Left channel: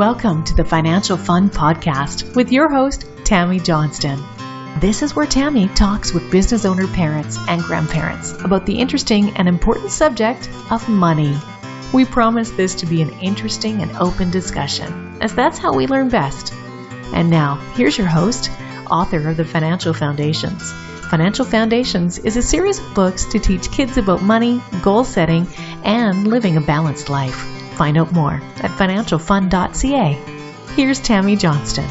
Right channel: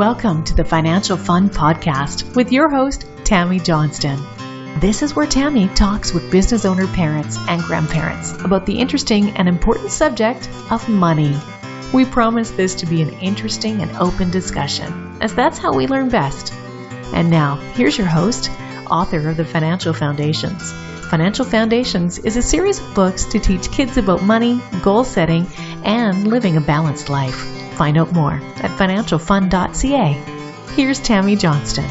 Welcome to the Financial Fun Podcast with your host, Tammy Johnston. This is where Tammy talks with business owner parents and grandparents about the interesting and important subject of money. We promise this to be an interesting and open discussion, as that's how we learn best. And now, here's your host, author of the Financial Foundations. Financial Foundations is a series of books to teach kids about money, goal setting, and living a balanced life. Find out more at financialfun.ca. Here's Tammy Johnston.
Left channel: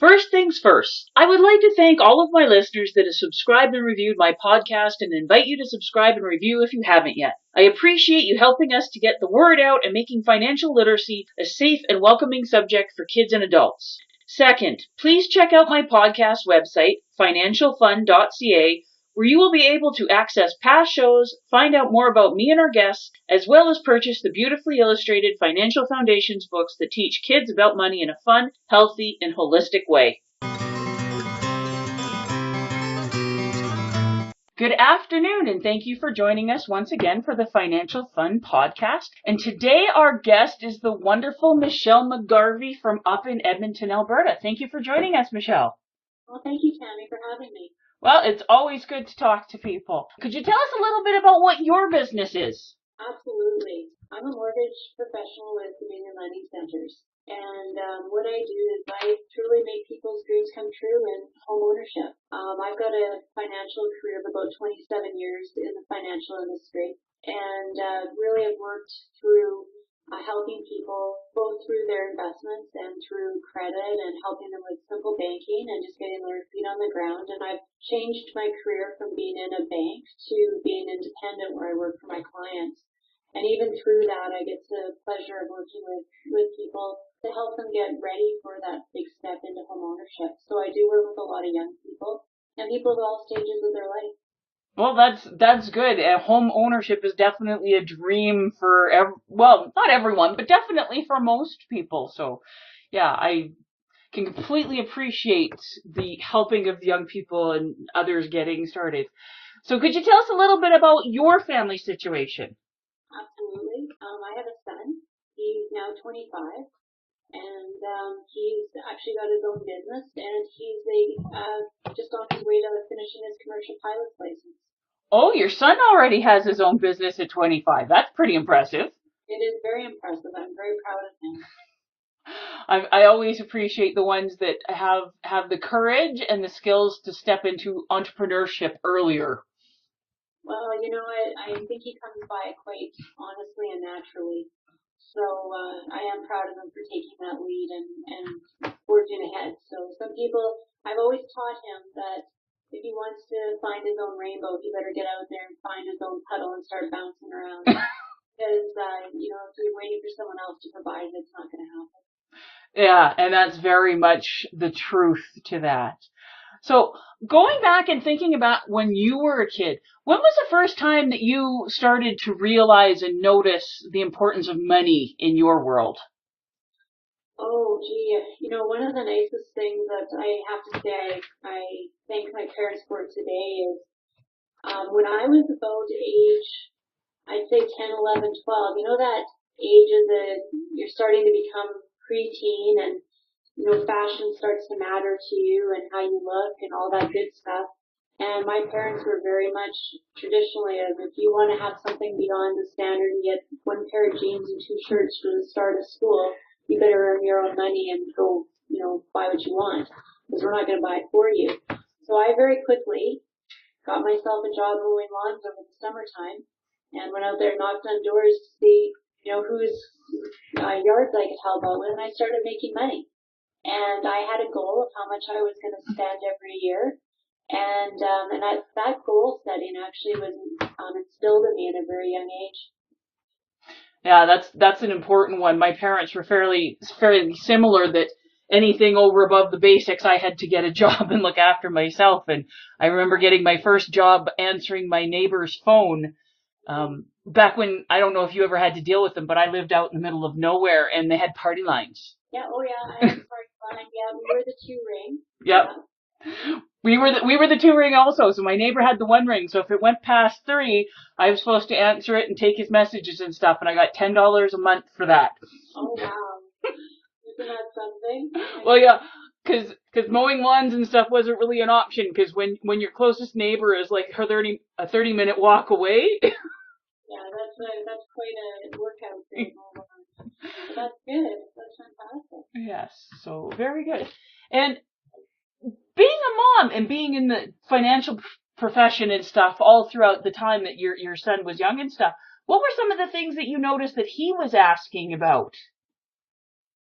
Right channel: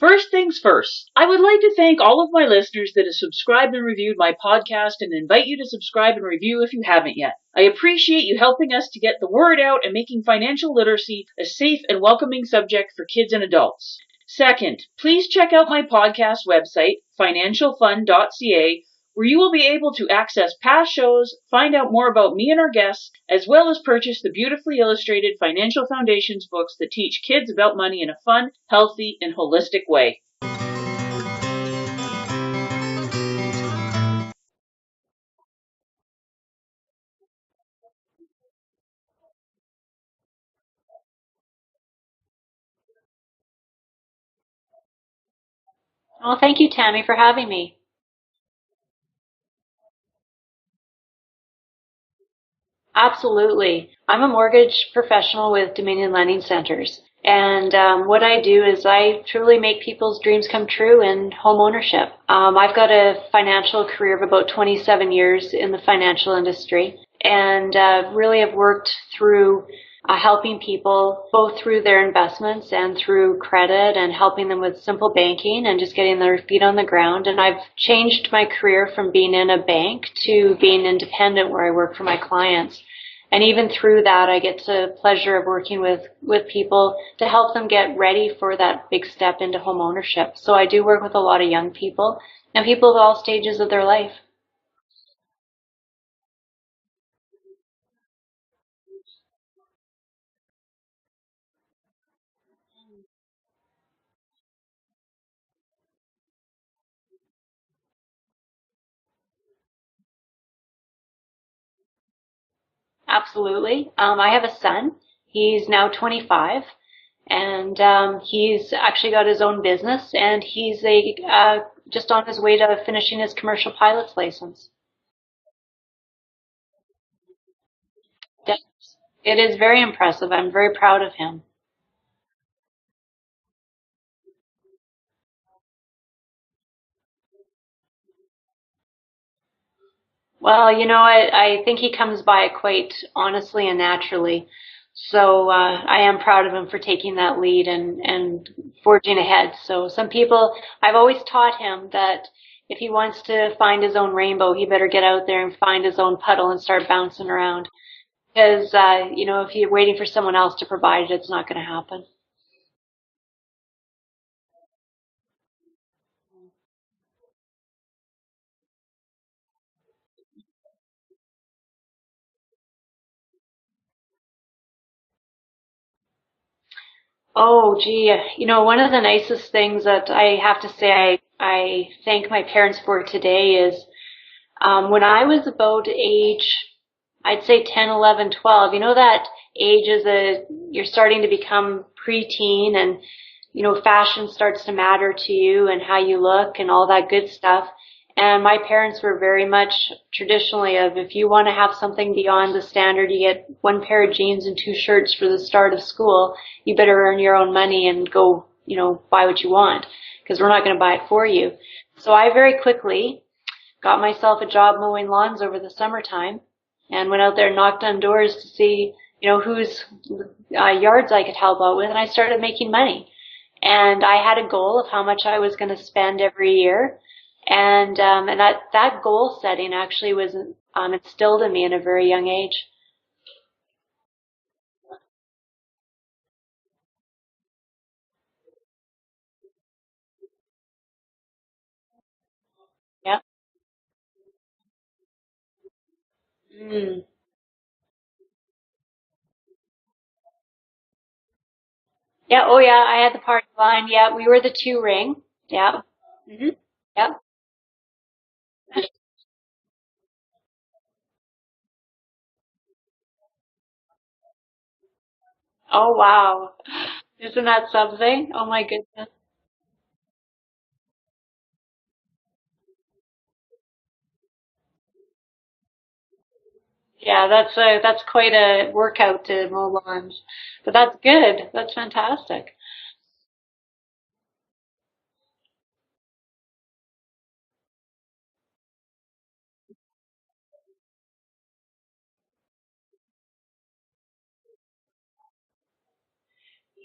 First things first, I would like to thank all of my listeners that have subscribed and reviewed my podcast and invite you to subscribe and review if you haven't yet. I appreciate you helping us to get the word out and making financial literacy a safe and welcoming subject for kids and adults. Second, please check out my podcast website, financialfun.ca, where you will be able to access past shows, find out more about me and our guests, as well as purchase the beautifully illustrated Financial Foundations books that teach kids about money in a fun, healthy, and holistic way. Good afternoon, and thank you for joining us once again for the Financial Fun Podcast. And today our guest is the wonderful Michele McGarvey from up in Edmonton, Alberta. Thank you for joining us, Michele. Well, thank you, Tammy, for having me. Well, it's always good to talk to people. Could you tell us a little bit about what your business is? Absolutely. I'm a mortgage professional with Dominion Lending Centers. And what I do is I truly make people's dreams come true in home ownership. I've got a financial career of about 27 years in the financial industry and really have worked through helping people both through their investments and through credit and helping them with simple banking and just getting their feet on the ground. And I've changed my career from being in a bank to being independent where I work for my clients. And even through that, I get the pleasure of working with people to help them get ready for that big step into home ownership. So I do work with a lot of young people and people of all stages of their life. Well, that's good. Home ownership is definitely a dream for, not everyone, but definitely for most people. So, yeah, I can completely appreciate the helping of the young people and others getting started. So could you tell us a little bit about your family situation? Absolutely. I have a son. He's now 25. And he's actually got his own business, and he's just on his way to finishing his commercial pilot's license. Oh, your son already has his own business at 25. That's pretty impressive. It is very impressive. I'm very proud of him. I always appreciate the ones that have the courage and the skills to step into entrepreneurship earlier. Well, you know, I think he comes by it quite honestly and naturally. So I am proud of him for taking that lead and forging ahead. So some people, I've always taught him that if he wants to find his own rainbow, he better get out there and find his own puddle and start bouncing around. Because, if you're waiting for someone else to provide it, it's not going to happen. Yeah, and that's very much the truth to that. So going back and thinking about when you were a kid, when was the first time that you started to realize and notice the importance of money in your world? Oh, gee, one of the nicest things that I have to say I thank my parents for today is when I was about age, I'd say 10, 11, 12, that age is you're starting to become preteen and fashion starts to matter to you and how you look and all that good stuff. And my parents were very much traditionally of if you want to have something beyond the standard, you get one pair of jeans and 2 shirts for the start of school, you better earn your own money and go, buy what you want because we're not going to buy it for you. So I very quickly got myself a job mowing lawns over the summertime and went out there and knocked on doors to see, whose yards I could help out with. And I started making money. And I had a goal of how much I was going to spend every year. And that goal setting actually was instilled in me in a very young age. Yeah, that's an important one. My parents were fairly similar, that anything over above the basics, I had to get a job and look after myself. And I remember getting my first job answering my neighbor's phone. Back when, I don't know if you ever had to deal with them, but I lived out in the middle of nowhere and they had party lines. Yeah, oh yeah, I had the party line. Yeah, we were the 2 ring. Yeah. We were the 2 ring also. So my neighbor had the 1 ring. So if it went past 3, I was supposed to answer it and take his messages and stuff. And I got $10 a month for that. Oh, wow. Isn't that something? Oh, my Well, goodness. yeah, because mowing lawns and stuff wasn't really an option. Because when your closest neighbor is like a 30-minute walk away. Yeah, that's quite a workout to mow lawns. But that's good. That's fantastic. Yes, so very good. And being a mom and being in the financial profession and stuff all throughout the time that your son was young and stuff, what were some of the things that you noticed that he was asking about?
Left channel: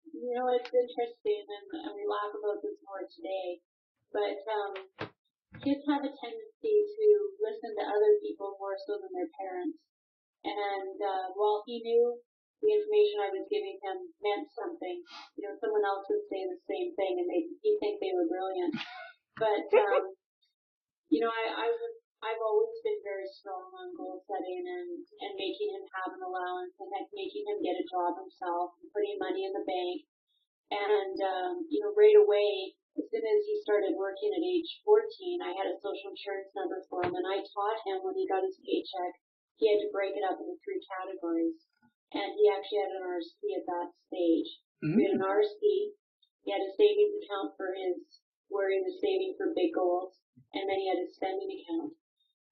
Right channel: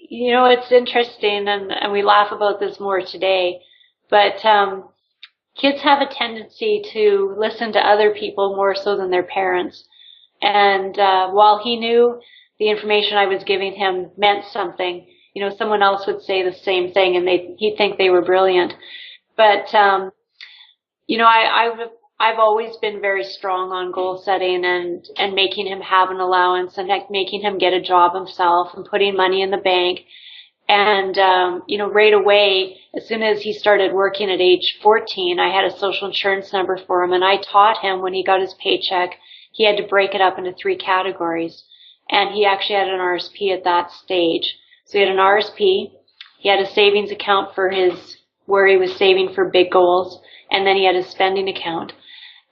You know, it's interesting, and we laugh about this more today, but kids have a tendency to listen to other people more so than their parents. And while he knew the information I was giving him meant something, you know, someone else would say the same thing, and he'd think they were brilliant. But you know, I've always been very strong on goal setting and making him have an allowance and making him get a job himself and putting money in the bank. And, you know, right away, as soon as he started working at age 14, I had a social insurance number for him. And I taught him when he got his paycheck, he had to break it up into 3 categories. And he actually had an RSP at that stage. So he had an RSP, he had a savings account for where he was saving for big goals, and then he had his spending account.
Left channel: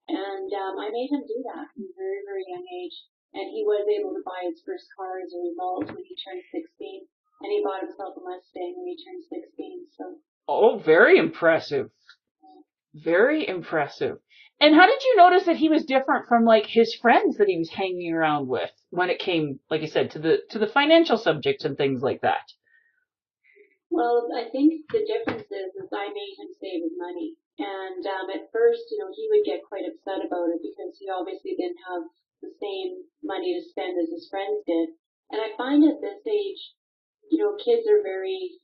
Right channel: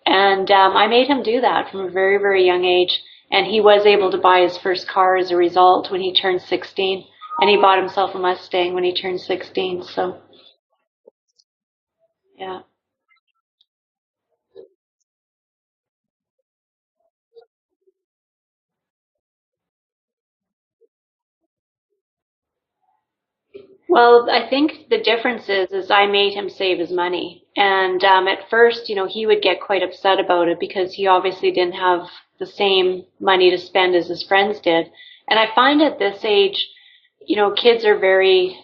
And I made him do that from a very, very young age. And he was able to buy his first car as a result when he turned 16. And he bought himself a Mustang when he turned 16. So. Oh, very impressive. Yeah. Very impressive. And how did you notice that he was different from like his friends that he was hanging around with when it came, like I said, to the financial subjects and things like that? Well, I think the difference is I made him save his money. And at first, you know, he would get quite upset about it because he obviously didn't have the same money to spend as his friends did. And I find at this age, you know, kids are very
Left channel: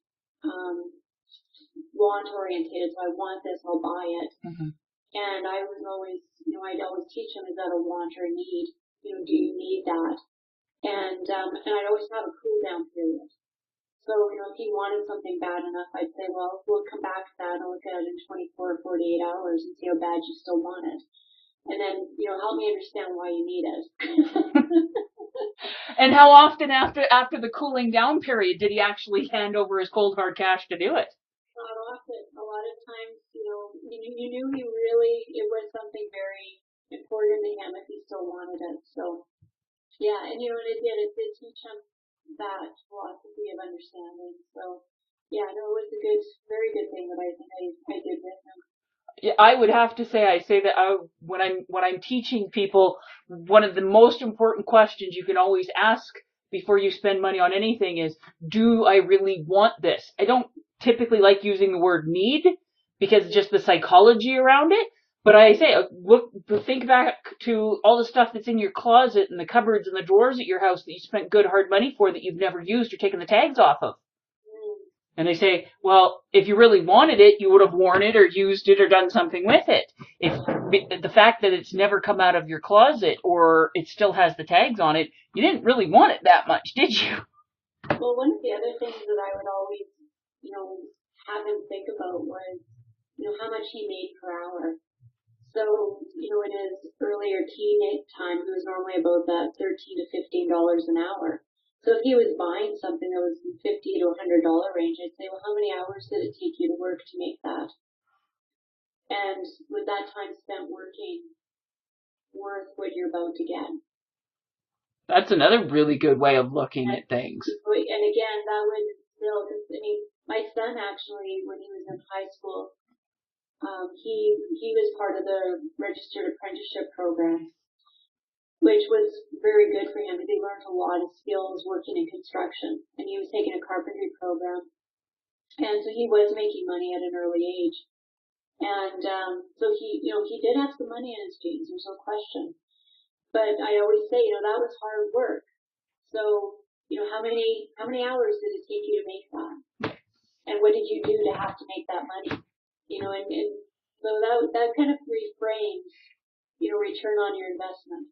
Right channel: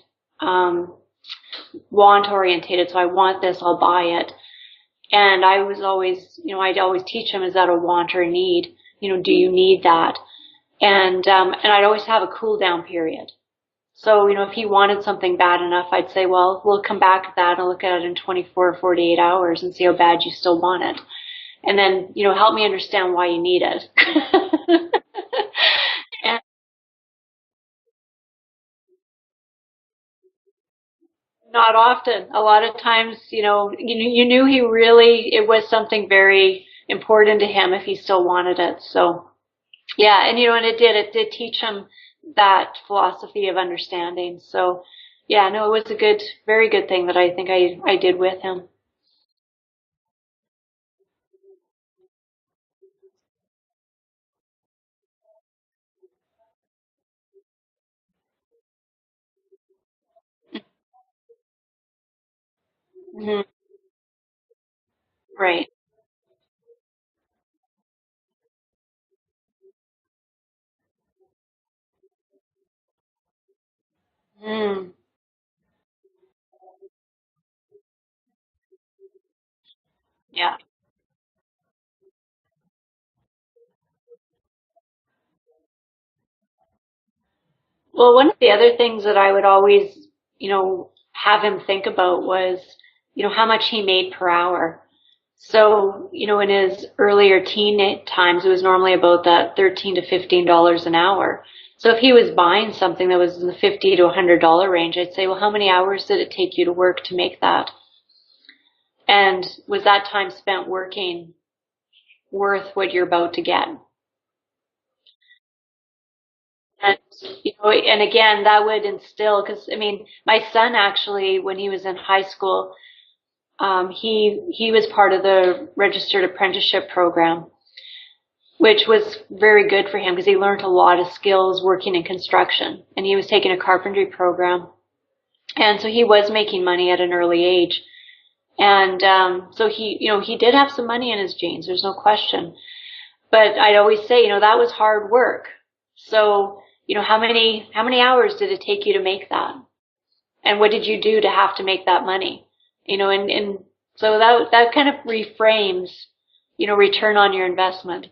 want orientated. So I want this, I'll buy it. Mm-hmm. And I was always, you know, I'd always teach him, is that a want or a need? You know, do you need that? And I'd always have a cool down period. So, you know, if he wanted something bad enough, I'd say, well, we'll come back to that and look at it in 24 or 48 hours and see how bad you still want it. And then, you know, help me understand why you need it. And how often after the cooling down period did he actually hand over his cold hard cash to do it? Not often. A lot of times, you know, you knew it was something very important to him if he still wanted it. So, yeah, and you know, and it did teach him that philosophy of understanding. So, yeah, no, it was a very good thing that I think I did with him. Yeah, I would have to say, when I'm teaching people, one of the most important questions you can always ask before you spend money on anything is, do I really want this? I don't typically like using the word need because it's just the psychology around it. But right. I say, think back to all the stuff that's in your closet and the cupboards and the drawers at your house that you spent good hard money for that you've never used or taken the tags off of. Mm. And they say, well, if you really wanted it, you would have worn it or used it or done something with it. The fact that it's never come out of your closet or it still has the tags on it, you didn't really want it that much, did you? Well, one of the other things that I would always, you know, have him think about was, you know, how much he made per hour. So, you know, in his earlier teen times, it was normally about that $13 to $15 an hour. So if he was buying something that was in the $50 to $100 range, I'd say, well, how many hours did it take you to work to make that? And was that time spent working worth what you're about to get? That's another really good way of looking at things. You know, and again, that would instill, because, I mean, my son actually, when he was in high school, he was part of the registered apprenticeship program, which was very good for him because he learned a lot of skills working in construction, and he was taking a carpentry program. And so he was making money at an early age. And so he did have some money in his jeans, there's no question. But I'd always say, you know, that was hard work. So, you know, how many hours did it take you to make that? And what did you do to have to make that money? You know, and so that kind of reframes, you know, return on your investment.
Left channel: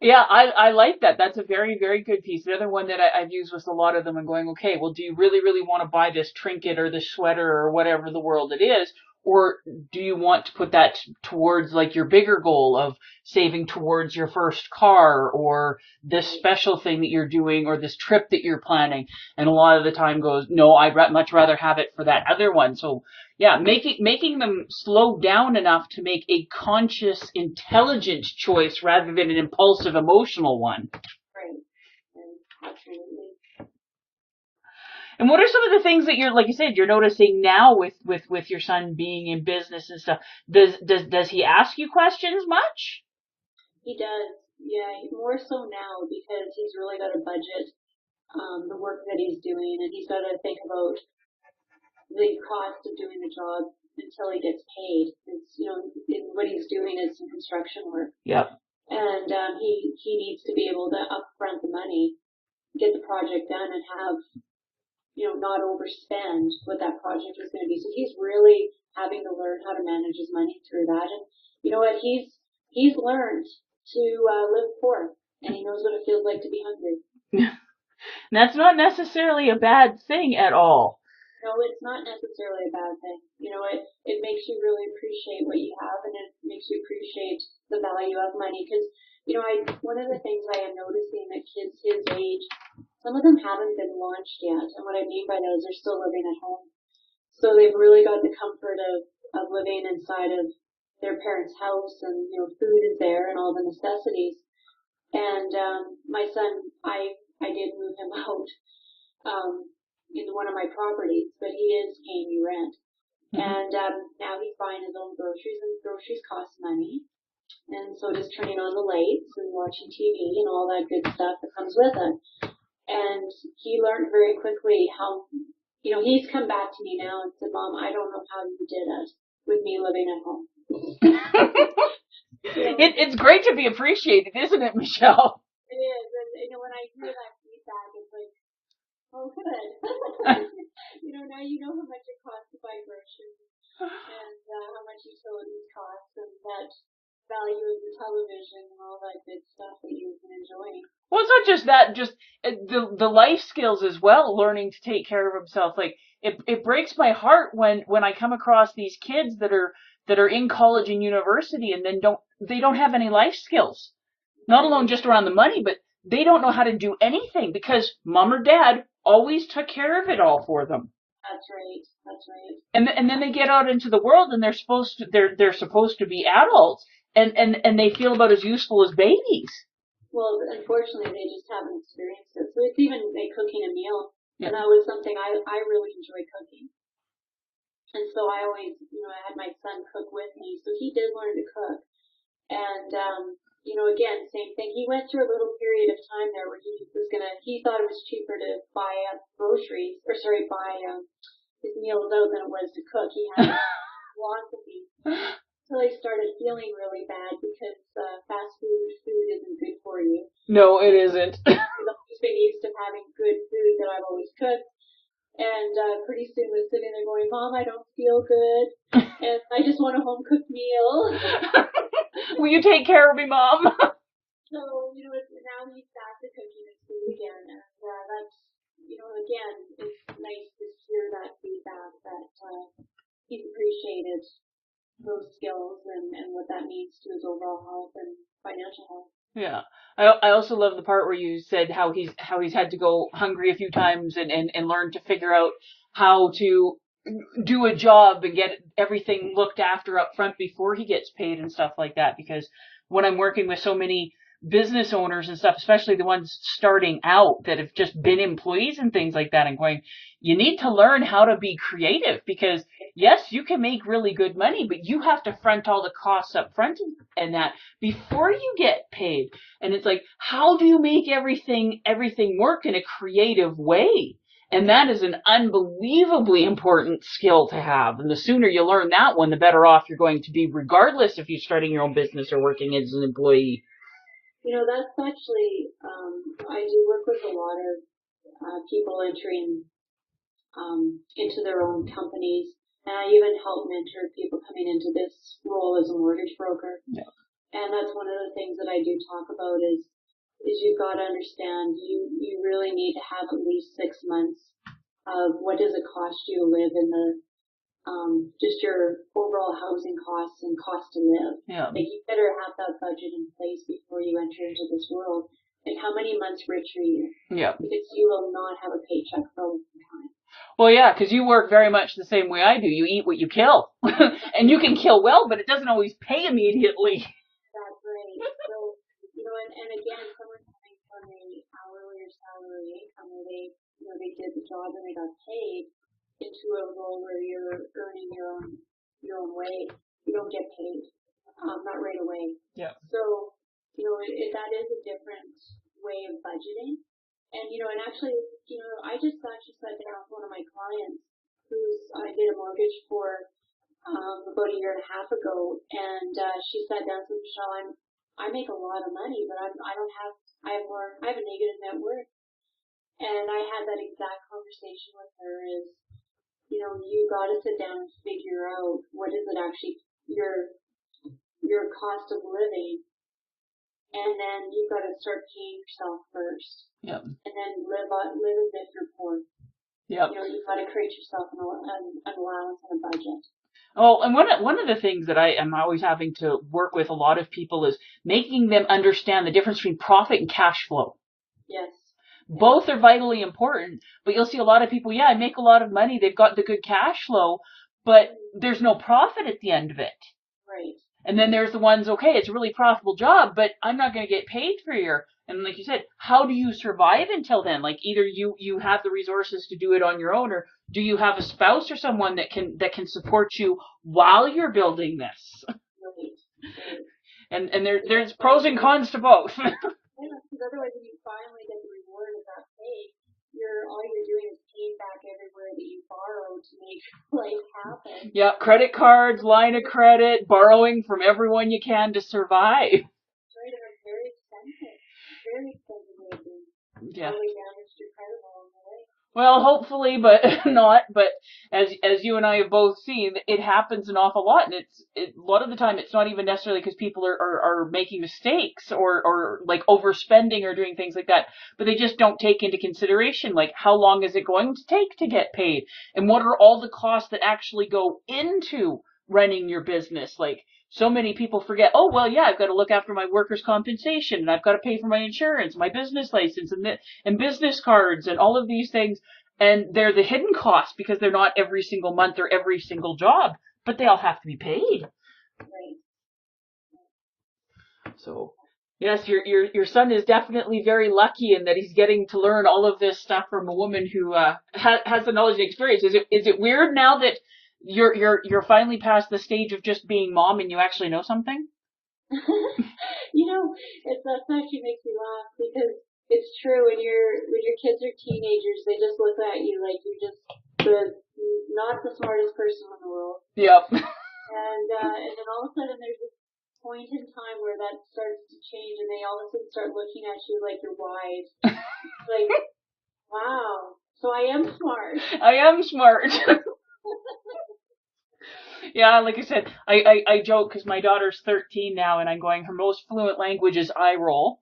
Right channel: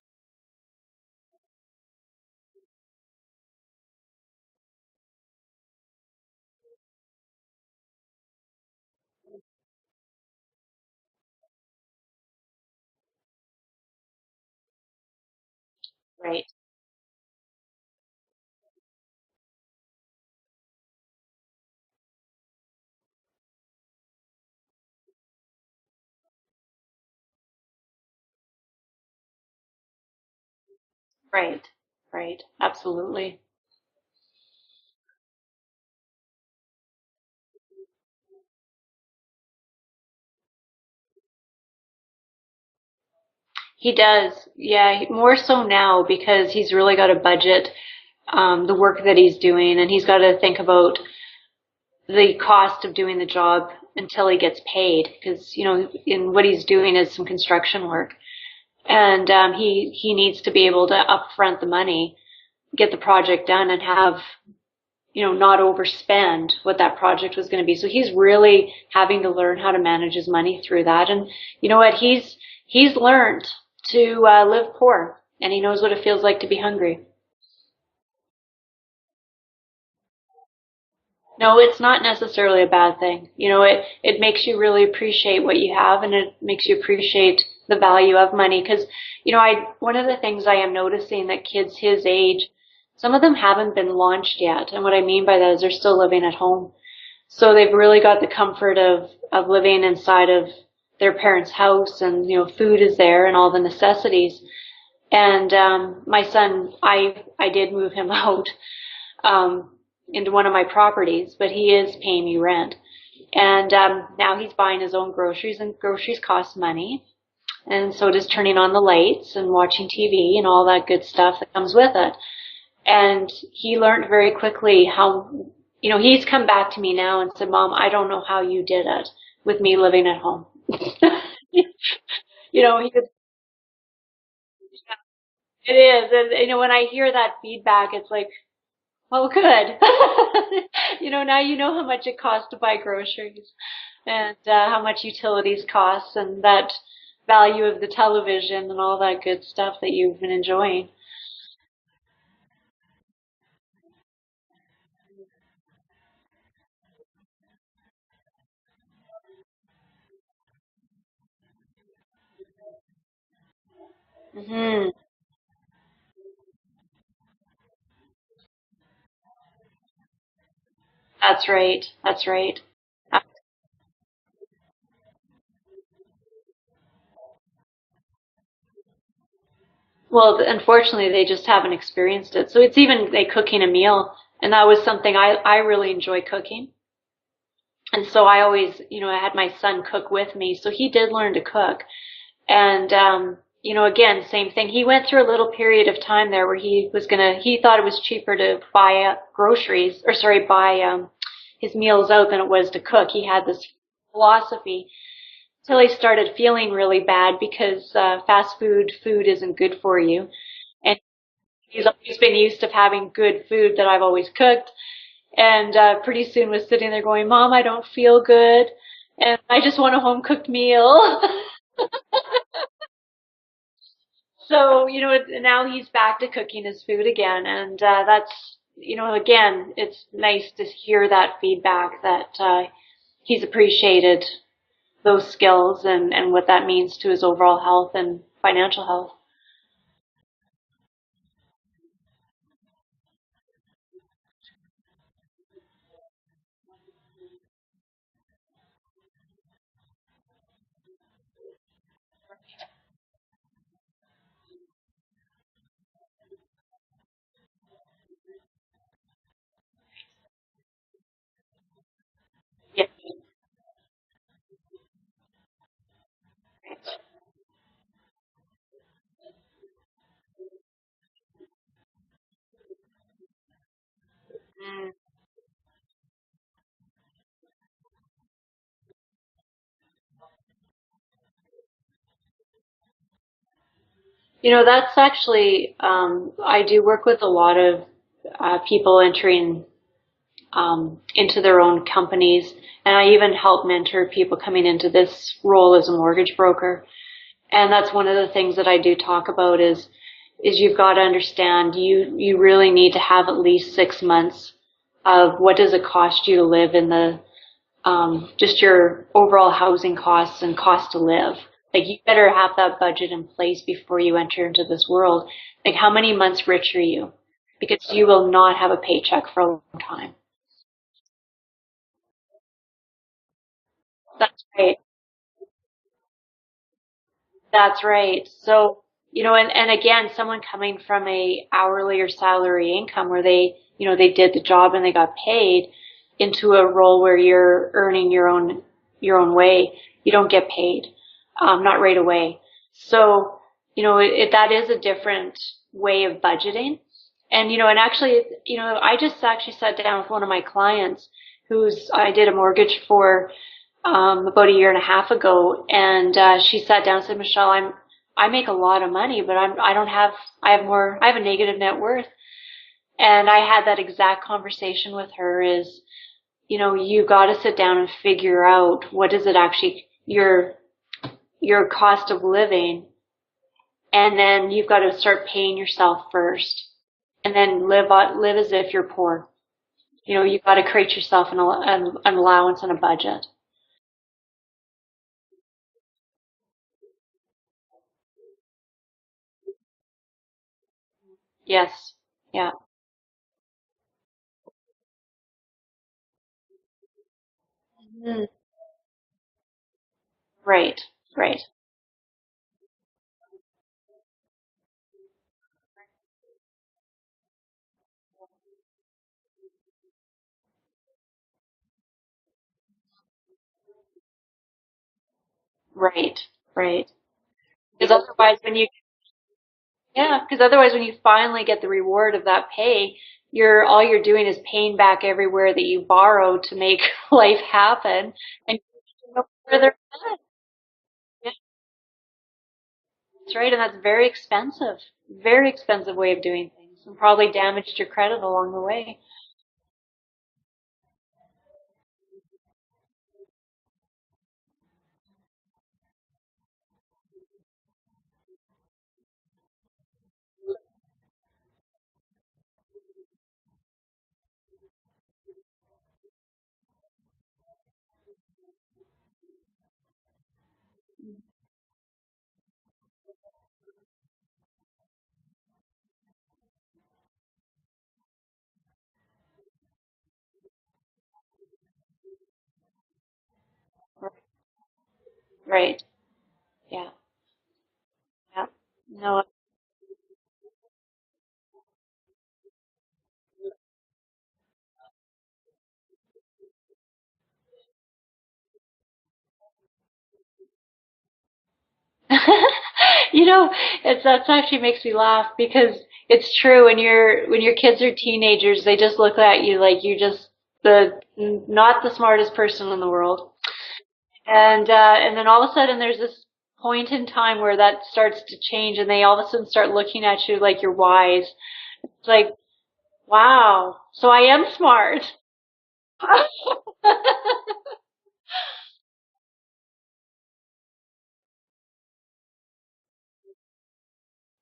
Yeah, I like that. That's a very, very good piece. The other one that I've used was a lot of them and going, okay, well, do you really, really want to buy this trinket or this sweater or whatever the world it is? Or do you want to put that towards like your bigger goal of saving towards your first car or this Right. special thing that you're doing or this trip that you're planning? And a lot of the time goes, no, much rather have it for that other one. So yeah, making them slow down enough to make a conscious, intelligent choice rather than an impulsive, emotional one. Right. Right. Absolutely. And what are some of the things that you're, like you said, you're noticing now with your son being in business and stuff? Does he ask you questions much? He does. Yeah, more so now because he's really got to budget the work that he's doing, and he's got to think about the cost of doing the job until he gets paid, because in what he's doing is some construction work. Yeah. And he needs to be able to upfront the money, get the project done, and have not overspend what that project was going to be. So he's really having to learn how to manage his money through that. And you know what? He's learned to live poor, and he knows what it feels like to be hungry. That's not necessarily a bad thing at all. No, it's not necessarily a bad thing. It makes you really appreciate what you have, and it makes you appreciate the value of money. Because, one of the things I am noticing that kids his age, some of them haven't been launched yet. And what I mean by that is they're still living at home. So they've really got the comfort of living inside of their parents' house, and, food is there and all the necessities. And my son, I did move him out into one of my properties, but he is paying me rent. And now he's buying his own groceries, and groceries cost money. And so does turning on the lights and watching TV and all that good stuff that comes with it. And he learned very quickly how, he's come back to me now and said, Mom, I don't know how you did it with me living at home. It's great to be appreciated, isn't it, Michelle? It is. And, when I hear that feedback, it's like, well, good. Now you know how much it costs to buy groceries, and how much utilities cost, and that value of the television and all that good stuff that you've been enjoying. Well, it's not just that, just the life skills as well, learning to take care of himself. Like it breaks my heart when I come across these kids that are in college and university and then don't have any life skills. Mm-hmm. Not alone just around the money, but they don't know how to do anything because mom or dad always took care of it all for them. That's right. That's right. And then they get out into the world and they're supposed to be adults and they feel about as useful as babies. Well, unfortunately, they just haven't experienced it. So it's even like cooking a meal, and that was something I really enjoy cooking. And so I always, I had my son cook with me, so he did learn to cook. And again, same thing. He went through a little period of time there where he thought it was cheaper to buy his meals out than it was to cook. He had this philosophy till he started feeling really bad because fast food isn't good for you. No, it isn't. He's always been used to having good food that I've always cooked. And pretty soon was sitting there going, Mom, I don't feel good, and I just want a home-cooked meal. Will you take care of me, Mom? So, now he's back to cooking his food again. And that's, again, it's nice to hear that feedback that he's appreciated those skills and what that means to his overall health and financial health. Yeah. I also love the part where you said how he's had to go hungry a few times and learn to figure out how to do a job and get everything looked after up front before he gets paid and stuff like that. Because when I'm working with so many business owners and stuff, especially the ones starting out that have just been employees and things like that, and going, you need to learn how to be creative because yes, you can make really good money, but you have to front all the costs up front and that before you get paid. And it's like, how do you make everything work in a creative way? And that is an unbelievably important skill to have. And the sooner you learn that one, the better off you're going to be, regardless if you're starting your own business or working as an employee. That's actually, I do work with a lot of people entering into their own companies. And I even help mentor people coming into this role as a mortgage broker. Yeah. And that's one of the things that I do talk about is you've got to understand you really need to have at least 6 months of what does it cost you to live in the just your overall housing costs and cost to live. Yeah. Like you better have that budget in place before you enter into this world. Like how many months rich are you? Yeah. Because you will not have a paycheck for a long time. Well, yeah, because you work very much the same way I do. You eat what you kill. And you can kill well, but it doesn't always pay immediately. That's right. So, and again, someone coming from a hourly or salary income where they did the job and they got paid into a role where you're earning your own way, you don't get paid, not right away. Yeah. So, that is a different way of budgeting. And, and actually, I just actually sat down with one of my clients I did a mortgage for about a year and a half ago, and she sat down and said, Michelle, I make a lot of money, but I have a negative net worth. And I had that exact conversation with her is, you got to sit down and figure out what is it actually your cost of living, and then you've got to start paying yourself first. Yep. And then live as if you're poor. Yep. You've got to create yourself an allowance and a budget. Oh, and one of the things that I am always having to work with a lot of people is making them understand the difference between profit and cash flow. Yes. Yeah. Both are vitally important, but you'll see a lot of people, I make a lot of money, they've got the good cash flow, but there's no profit at the end of it. Right. And then there's the ones, okay, it's a really profitable job, but I'm not going to get paid for a year. And like you said, how do you survive until then? Like either you have the resources to do it on your own, or do you have a spouse or someone that can support you while you're building this? Right. Right. And there's pros and cons to both. Yeah, because otherwise when you finally get the reward of that pay, all you're doing is paying back everywhere that you borrowed to make life happen. Yeah, credit cards, line of credit, borrowing from everyone you can to survive. That's right, and that's very expensive. Very expensive way of doing things. And probably damaged your credit along the way. Well, hopefully, but not. But as you and I have both seen, it happens an awful lot, and a lot of the time it's not even necessarily because people are making mistakes or like overspending or doing things like that, but they just don't take into consideration like how long is it going to take to get paid, and what are all the costs that actually go into running your business. Like so many people forget, I've got to look after my workers' compensation, and I've got to pay for my insurance, my business license, and business cards, and all of these things. And they're the hidden costs because they're not every single month or every single job, but they all have to be paid. Right. Yeah. So, yes, your son is definitely very lucky in that he's getting to learn all of this stuff from a woman who has the knowledge and experience. Is it weird now that you're finally past the stage of just being mom and you actually know something? That actually makes me laugh because it's true. When your kids are teenagers, they just look at you like you're just not the smartest person in the world. Yep. And then all of a sudden there's this point in time where that starts to change, and they all of a sudden start looking at you like you're wise. It's like, wow. So I am smart. I am smart. Yeah, like I said, I joke because my daughter's 13 now, and I'm going, her most fluent language is I roll.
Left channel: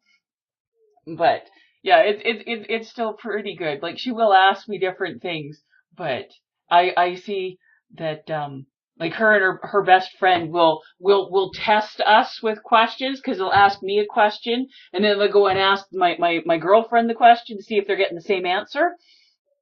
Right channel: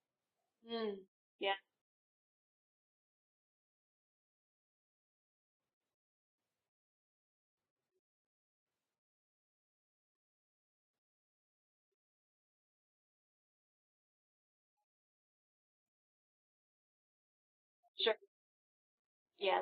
But it's still pretty good. Like she will ask me different things, but I see that like her and her best friend will test us with questions because they'll ask me a question, and then they'll go and ask my girlfriend the question to see if they're getting the same answer. Yeah.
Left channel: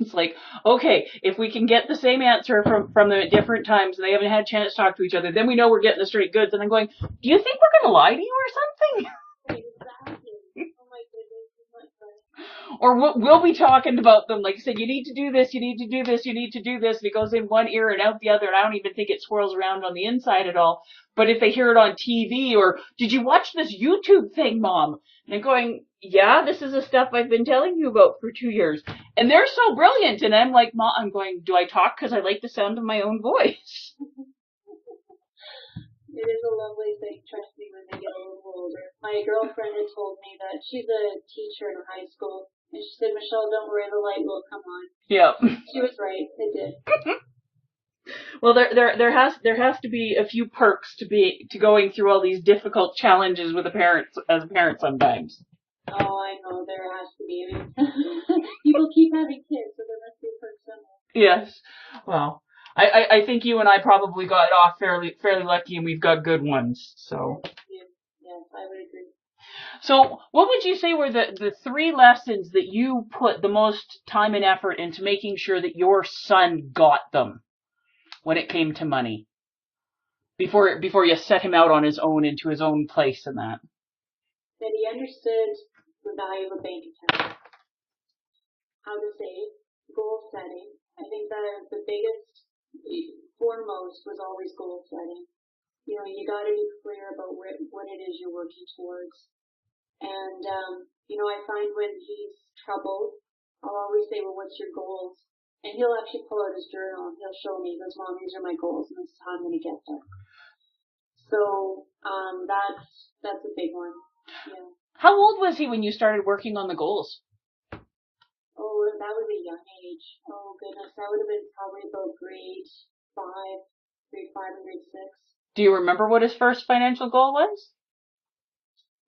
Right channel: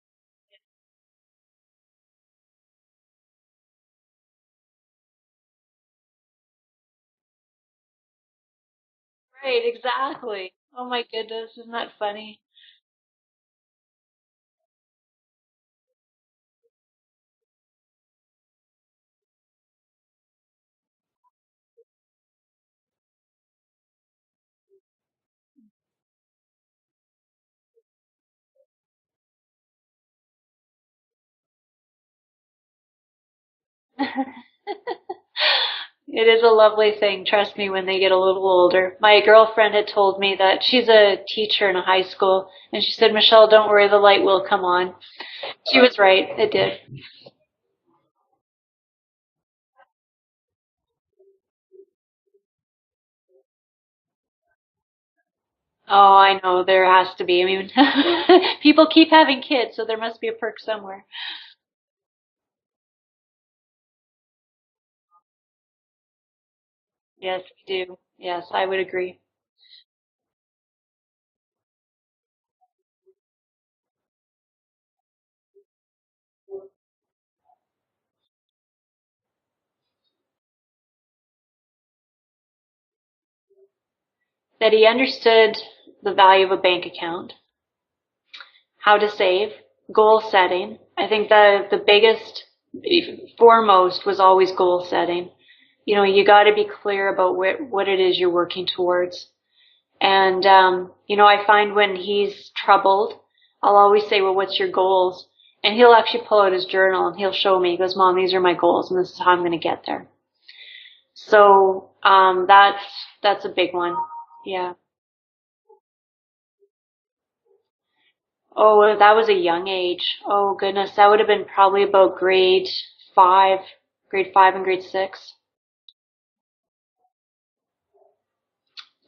It's like, okay, if we can get the same answer from them at different times and they haven't had a chance to talk to each other, then we know we're getting the straight goods. And I'm going, do you think we're going to lie to you or something? Right, exactly. Oh my goodness, isn't that funny? Or we'll be talking about them, like I said, you need to do this, you need to do this, you need to do this, and it goes in one ear and out the other, and I don't even think it swirls around on the inside at all. But if they hear it on TV, or, did you watch this YouTube thing, Mom? And I'm going, yeah, this is the stuff I've been telling you about for 2 years. And they're so brilliant, and I'm like, Mom, I'm going, do I talk because I like the sound of my own voice? It is a lovely thing, trust me, when they get a little older. My girlfriend had told me that she's a teacher in a high school, and she said, Michelle, don't worry, the light will come on. Yeah. She was right, it did. Well, there has to be a few perks to going through all these difficult challenges with as a parent sometimes. Oh, I know, there has to be. I mean, people keep having kids, so there must be a perk somewhere. Yes. Well, I think you and I probably got off fairly lucky, and we've got good ones. So. Yes, do. Yes, I would agree. So what would you say were the 3 lessons that you put the most time and effort into making sure that your son got them when it came to money? Before you set him out on his own into his own place and that? That he understood the value of a bank account, how to save, goal setting. I think the biggest, foremost, was always goal setting. You know, you got to be clear about what it is you're working towards. And, you know, I find when he's troubled, I'll always say, well, what's your goals? And he'll actually pull out his journal and he'll show me. He goes, Mom, these are my goals and this is how I'm going to get there. So that's a big one. Yeah. How old was he when you started working on the goals? Oh, that was a young age. Oh, goodness. That would have been probably about grade 5 and grade 6. Do you remember what his first financial goal was?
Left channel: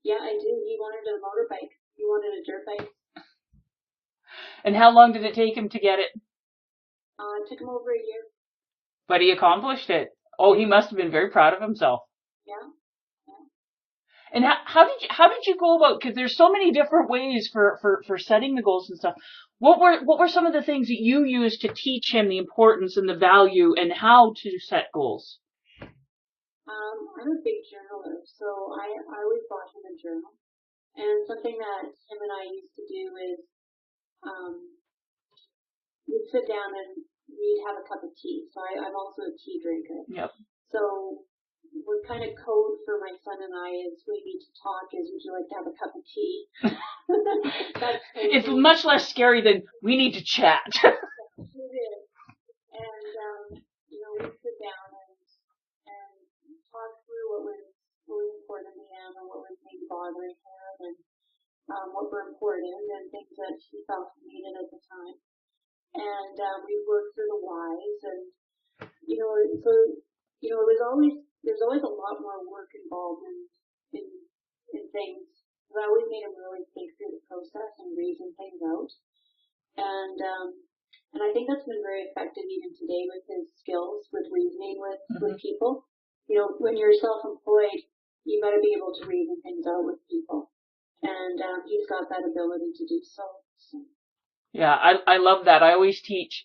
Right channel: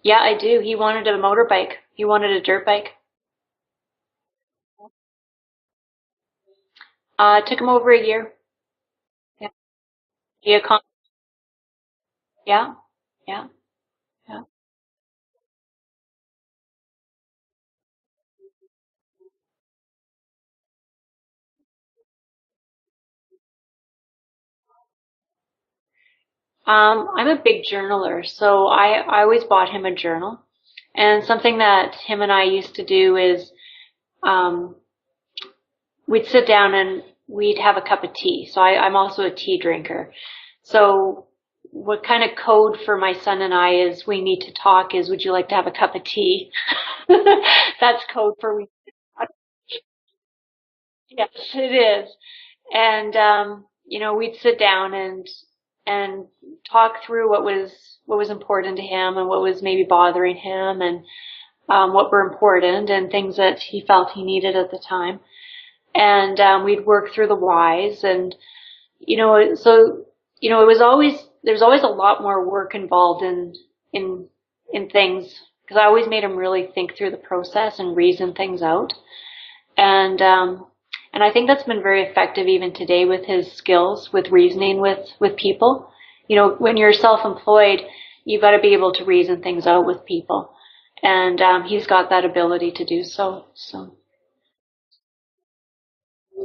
Yeah, I do. He wanted a motorbike. He wanted a dirt bike. And how long did it take him to get it? It took him over a year. But he accomplished it. Oh, he must have been very proud of himself. Yeah. And how did you go about? Because there's so many different ways for setting the goals and stuff. What were some of the things that you used to teach him the importance and the value and how to set goals? I'm a big journaler, so I always bought him a journal. And something that him and I used to do is we'd sit down and we'd have a cup of tea. So I'm also a tea drinker. Yep. So what kind of code for my son and I is we need to talk is, would you like to have a cup of tea? That's code. It's much less scary than we need to chat. Yes, it is. And, you know, we'd sit down and talk through what was important to him and what was maybe bothering him and what were important and things that he felt he needed at the time. And we'd work through the whys and, you know, so, you know, there was always a lot more work involved in things because I always made him really think through the process and reason things out. And I think that's been very effective even today with his skills with reasoning with people. You know, when you're self-employed, you've got to be able to reason things out with people. And he's got that ability to do so. Yeah, I love that. I always teach.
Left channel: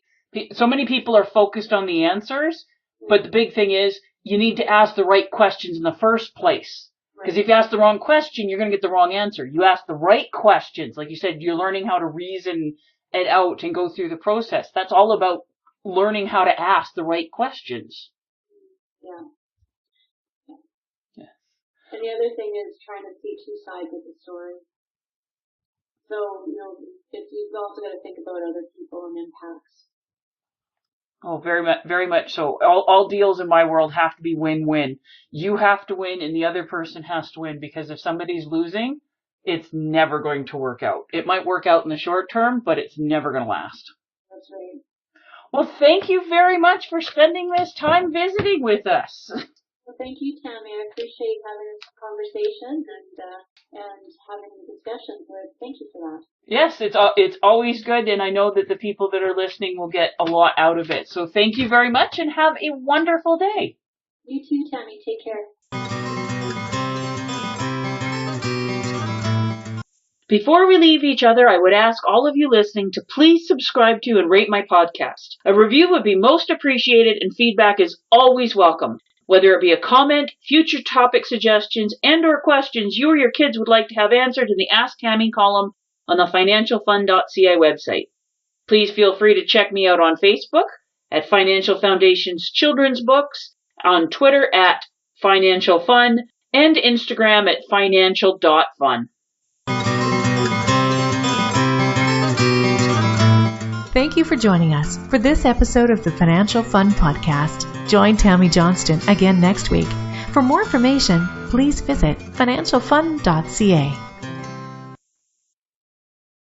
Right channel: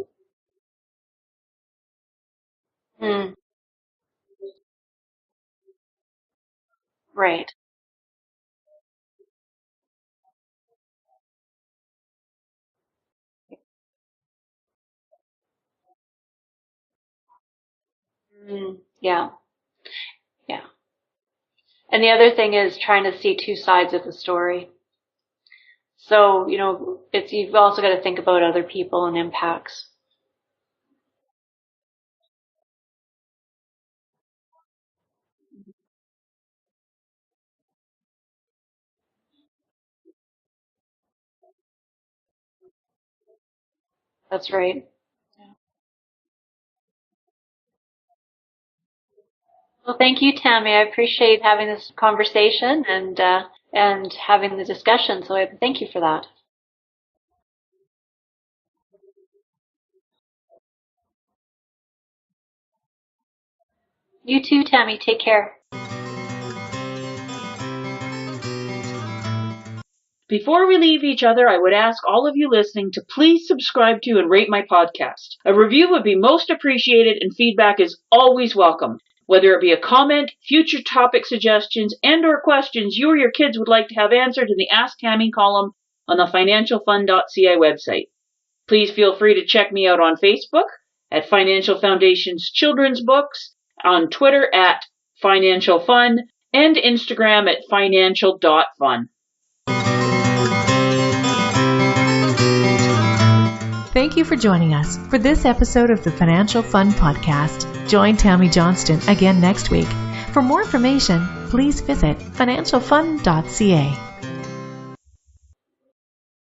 So many people are focused on the answers, but the big thing is you need to ask the right questions in the first place. Right. Because if you ask the wrong question, you're going to get the wrong answer. You ask the right questions. Like you said, you're learning how to reason it out and go through the process. That's all about learning how to ask the right questions. Yeah. And the other thing is trying to see 2 sides of the story. So, you know, you've also got to think about other people and impacts. Oh, very much so. All deals in my world have to be win-win. You have to win and the other person has to win, because if somebody's losing, it's never going to work out. It might work out in the short term, but it's never going to last. That's right. Well, thank you very much for spending this time visiting with us. Well, thank you, Tammy. I appreciate having this conversation and having the discussion. So thank you for that. Yes, it's always good, and I know that the people that are listening will get a lot out of it. So thank you very much, and have a wonderful day. You too, Tammy. Take care. Before we leave each other, I would ask all of you listening to please subscribe to and rate my podcast. A review would be most appreciated, and feedback is always welcome. Whether it be a comment, future topic suggestions, and or questions you or your kids would like to have answered in the Ask Tammy column on the financialfund.ca website. Please feel free to check me out on Facebook at Financial Foundation's Children's Books, on Twitter at Financial Fund, and Instagram at financial.fun. Thank you for joining us for this episode of the Financial Fund Podcast. Join Tammy Johnston again next week. For more information, please visit financialfund.ca.